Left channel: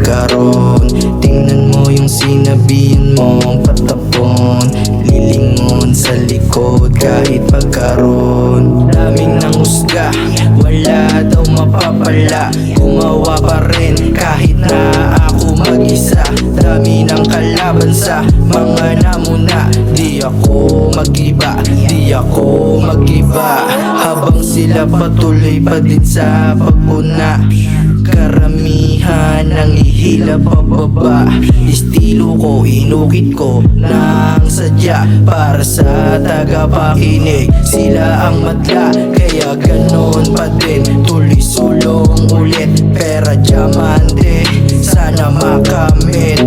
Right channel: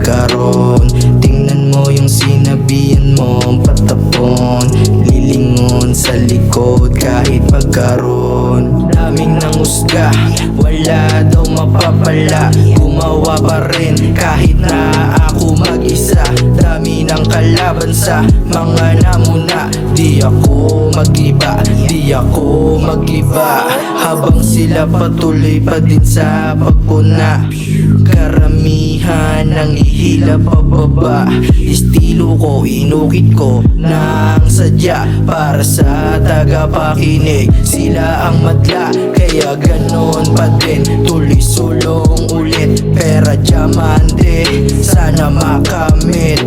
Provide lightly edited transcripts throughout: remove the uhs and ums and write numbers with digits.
magkaroon. Tingnan mo yung sinabihan mo patapon, lilingon sa likod kahit magkaroon. Daming nangusga, wala daw mapapala, gumawa pa rin kahit na ako mag-isa. Dami ng kalaban sa mga namuna, di ako mag-iba, di ako mag-iba. Habang sila patuloy pa din sa pagpuna, karamihan ng ihila pababa. Estilo ko, inukit ko ng sadya para sa tagapakinig. Sila ang madla, kaya ganon pa din. Tuloy sulong ulit, pera diamante, sana makamit.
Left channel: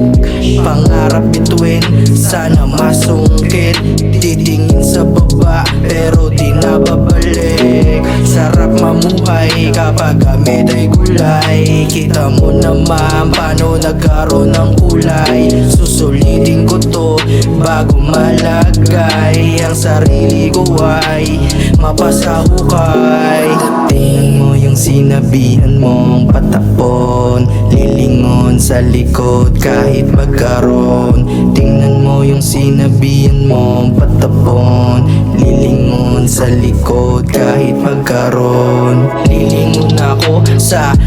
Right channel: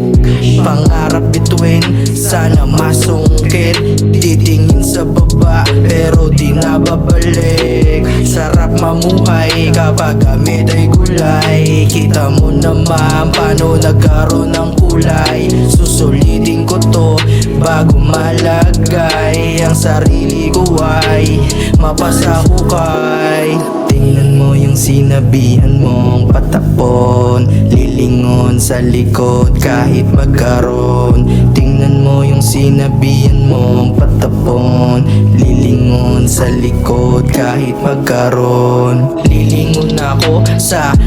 Pangarap bituin, sana masungkit. Titingin sa baba, pero di nababalik. Sarap mamuhay kapag gamit ay gulay. Kita mo naman paano nagkaroon ng kulay. Susulitin ko to bago malagay. Ang sarili ko ay mapasahukay. Tingnan mo yung sinabihan mong patapon, lilingon sa likod kahit magkaroon. Tingnan mo yung sinabihan mong patapon, lilingon sa likod kahit magkaroon. Lilingon ako sa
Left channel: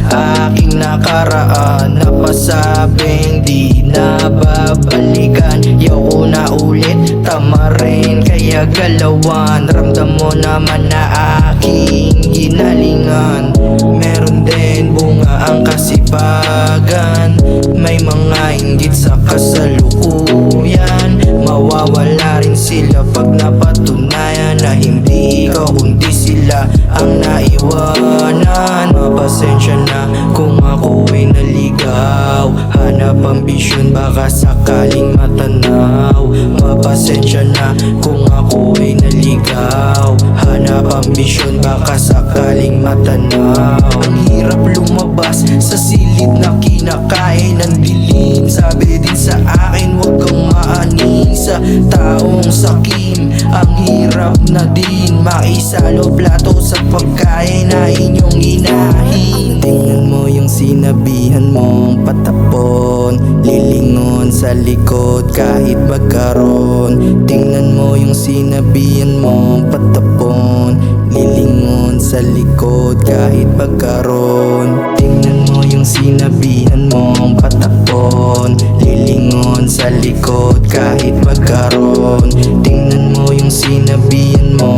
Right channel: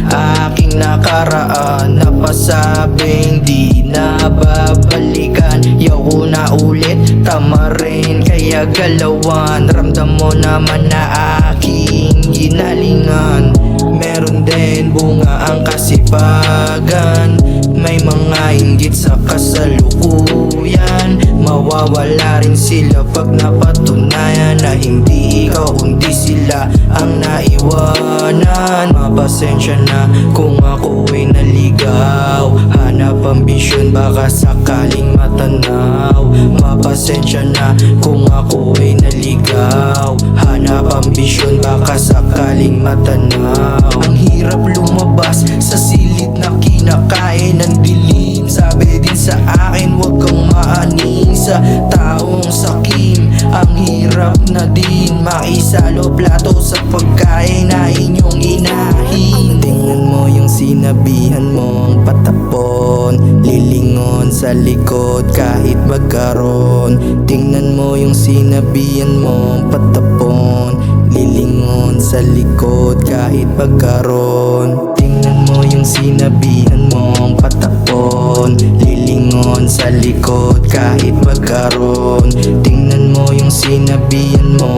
aking nakaraan, napasabing di na babalikan. Yaw na ulit, tama rin kaya galawan. Ramdam mo naman na aking ginalingan. Meron din bunga ang kasipagan, may mga inggit sa kasalukuyan. Mawawala rin sila pag napatunayan na hindi ikaw kundi sila ang naiwanan. Mapasensya na kung ako ay naligaw, hanap ambisyon baka sakaling matanaw. Mapasensya na kung ako ay naligaw, hanap ambisyon baka sakaling matanaw. Ang hirap lumabas sa silid na kinakain ng dilim. Sabi din sa akin huwag kang maaning sa taong sakim. Ang hirap na din maisalo plato sa pagkain na inyong inahin. Tingnan mo yung sinabihan mong patapon, lilingon sa likod kahit magkaroon. Tingnan mo yung sinabihan mong patapon, lilingon sa likod kahit magkaroon. Tingnan mo yung sinabihan mong patapon, lilingon sa likod kahit magkaroon. Tingnan mo yung sinabihan mo